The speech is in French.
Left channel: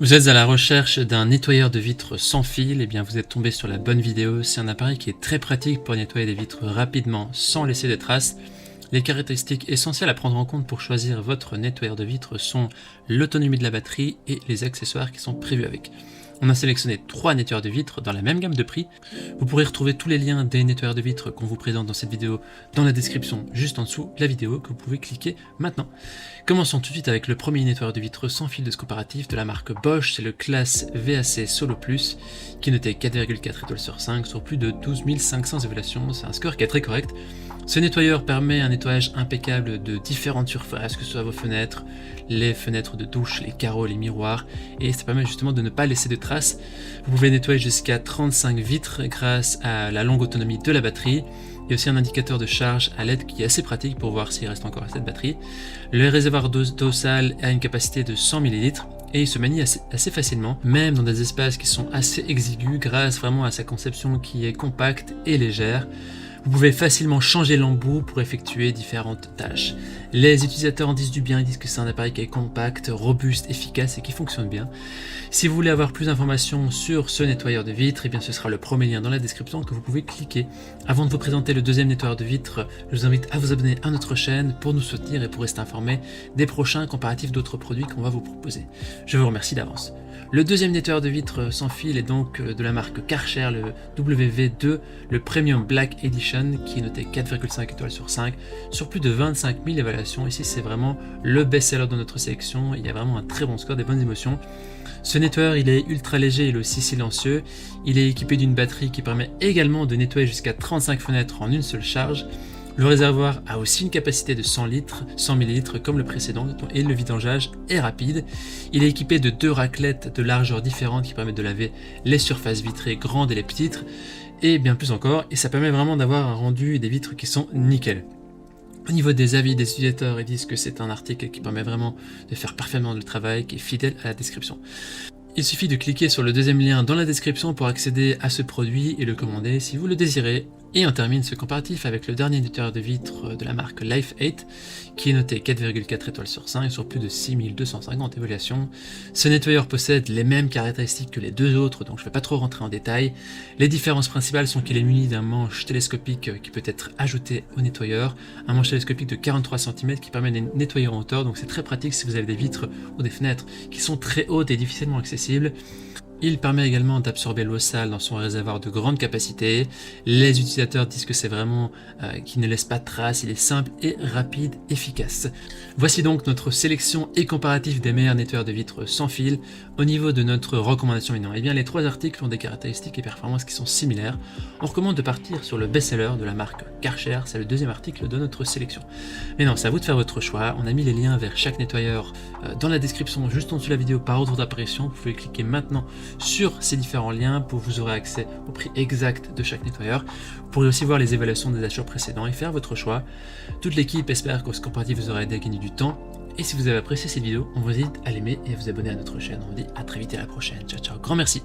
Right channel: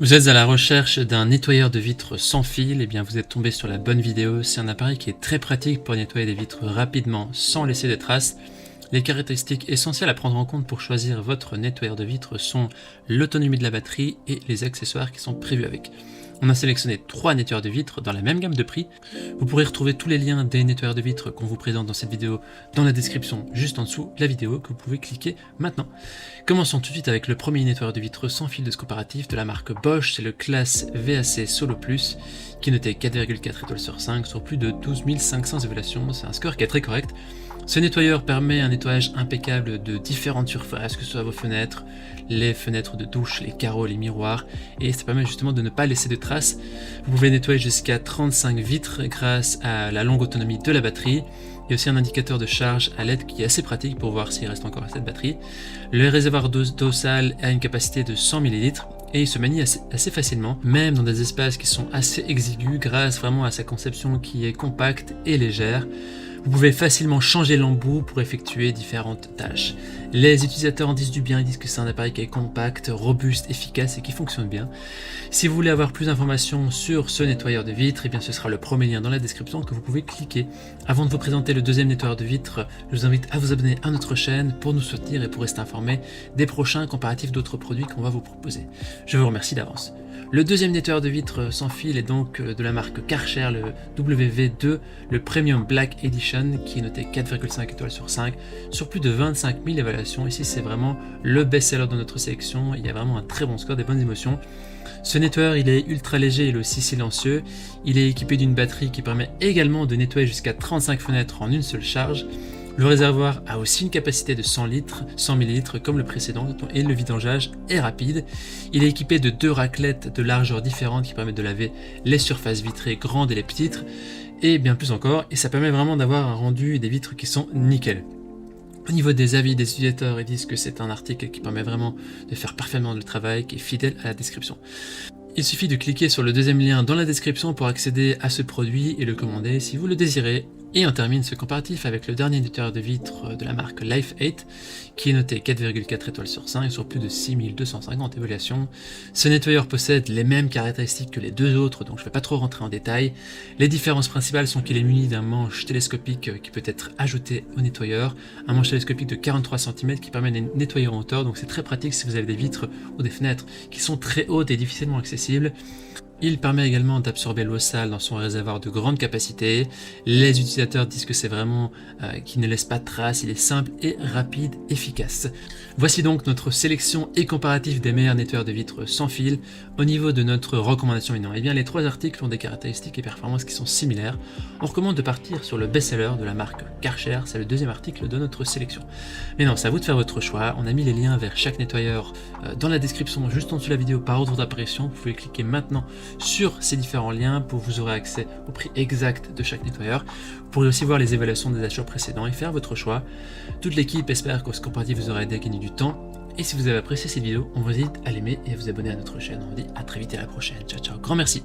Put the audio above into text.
Vous êtes à la recherche d'un nettoyeur de vitres sans fil, et bien vous êtes tombé sur la bonne vidéo. C'est un appareil qui est très pratique pour nettoyer des vitres rapidement sans laisser de traces. Les caractéristiques essentielles à prendre en compte pour choisir votre nettoyeur de vitres sont l'autonomie de la batterie et les accessoires qui sont prévus avec. On a sélectionné 3 nettoyeurs de vitres dans la même gamme de prix. Vous pourrez retrouver tous les liens des nettoyeurs de vitres qu'on vous présente dans cette vidéo dans la description juste en dessous de la vidéo que vous pouvez cliquer maintenant. Commençons tout de suite avec le premier nettoyeur de vitres sans fil de ce comparatif de la marque Bosch, c'est le Class VAC Solo Plus qui est noté 4,4 étoiles sur 5 sur plus de 12 500 évaluations, c'est un score qui est très correct. Ce nettoyeur permet un nettoyage impeccable de différentes surfaces, que ce soit vos fenêtres, les fenêtres de douche, les carreaux, les miroirs, et ça permet justement de ne pas laisser de traces. Vous pouvez nettoyer jusqu'à 35 vitres grâce à la longue autonomie de la batterie. Il y a aussi un indicateur de charge à LED qui est assez pratique pour voir s'il reste encore assez de batterie. Le réservoir d'eau sale a une capacité de 100 ml et il se manie assez facilement, même dans des espaces qui sont assez exigus grâce vraiment à sa conception qui est compacte et légère. Vous pouvez facilement changer l'embout pour effectuer différentes tâches. Les utilisateurs en disent du bien, ils disent que c'est un appareil qui est compact, robuste, efficace et qui fonctionne bien. Si vous voulez avoir plus d'informations sur ce nettoyeur de vitres, eh bien ce sera le premier lien dans la description que vous pouvez cliquer. Avant de vous présenter le deuxième nettoyeur de vitres, je vous invite à vous abonner à notre chaîne pour nous soutenir et pour rester informé des prochains comparatifs d'autres produits qu'on va vous proposer. Je vous remercie d'avance. Le deuxième nettoyeur de vitres sans fil est donc de la marque Karcher, le WV2, le Premium Black Edition, qui est noté 4,5 étoiles sur 5, sur plus de 25 000 évaluations. Ici, c'est vraiment le best-seller de notre sélection. Il y a vraiment un très bon score, des bonnes émotions. Ce nettoyeur, il est ultra léger, il est aussi silencieux. Il est équipé d'une batterie qui permet également de nettoyer jusqu'à 35 fenêtres en une seule charge. Le réservoir a aussi une capacité de 100 ml comme le précédent et le vidangeage est rapide. Il est équipé de 2 raclettes de largeur différentes qui permettent de laver les surfaces vitrées grandes et les petites et bien plus encore, et ça permet vraiment d'avoir un rendu et des vitres qui sont nickel. Au niveau des avis des utilisateurs, ils disent que c'est un article qui permet vraiment de faire parfaitement le travail, qui est fidèle à la description. Il suffit de cliquer sur le deuxième lien dans la description pour accéder à ce produit et le commander si vous le désirez. Et on termine ce comparatif avec le dernier nettoyeur de vitres de la marque Life8 qui est noté 4,4 étoiles sur 5 sur plus de 6250 évaluations. Ce nettoyeur possède les mêmes caractéristiques que les deux autres, donc je ne vais pas trop rentrer en détail. Les différences principales sont qu'il est muni d'un manche télescopique qui peut être ajouté au nettoyeur, un manche télescopique de 43 cm qui permet de nettoyer en hauteur, donc c'est très pratique si vous avez des vitres ou des fenêtres qui sont très hautes et difficilement accessibles. Il permet également d'absorber l'eau sale dans son réservoir de grande capacité. Les utilisateurs disent que c'est vraiment qu'il ne laisse pas de traces, il est simple et rapide, efficace. Voici donc notre sélection et comparatif des meilleurs nettoyeurs de vitres sans fil. Au niveau de notre recommandation maintenant, eh bien les 3 articles ont des caractéristiques et performances qui sont similaires. On recommande de partir sur le best-seller de la marque Karcher, c'est le deuxième article de notre sélection. Mais non, c'est à vous de faire votre choix. On a mis les liens vers chaque nettoyeur dans la description juste en dessous de la vidéo par ordre d'apparition. Vous pouvez cliquer maintenant sur ces différents liens pour vous aurez accès au prix exact de chaque nettoyeur. Vous pourrez aussi voir les évaluations des achats précédents et faire votre choix. Toute l'équipe espère que ce comparatif vous aura aidé à gagner du temps. Et si vous avez apprécié cette vidéo, on vous invite à l'aimer et à vous abonner à notre chaîne. On vous dit à très vite et à la prochaine. Ciao ciao, grand merci.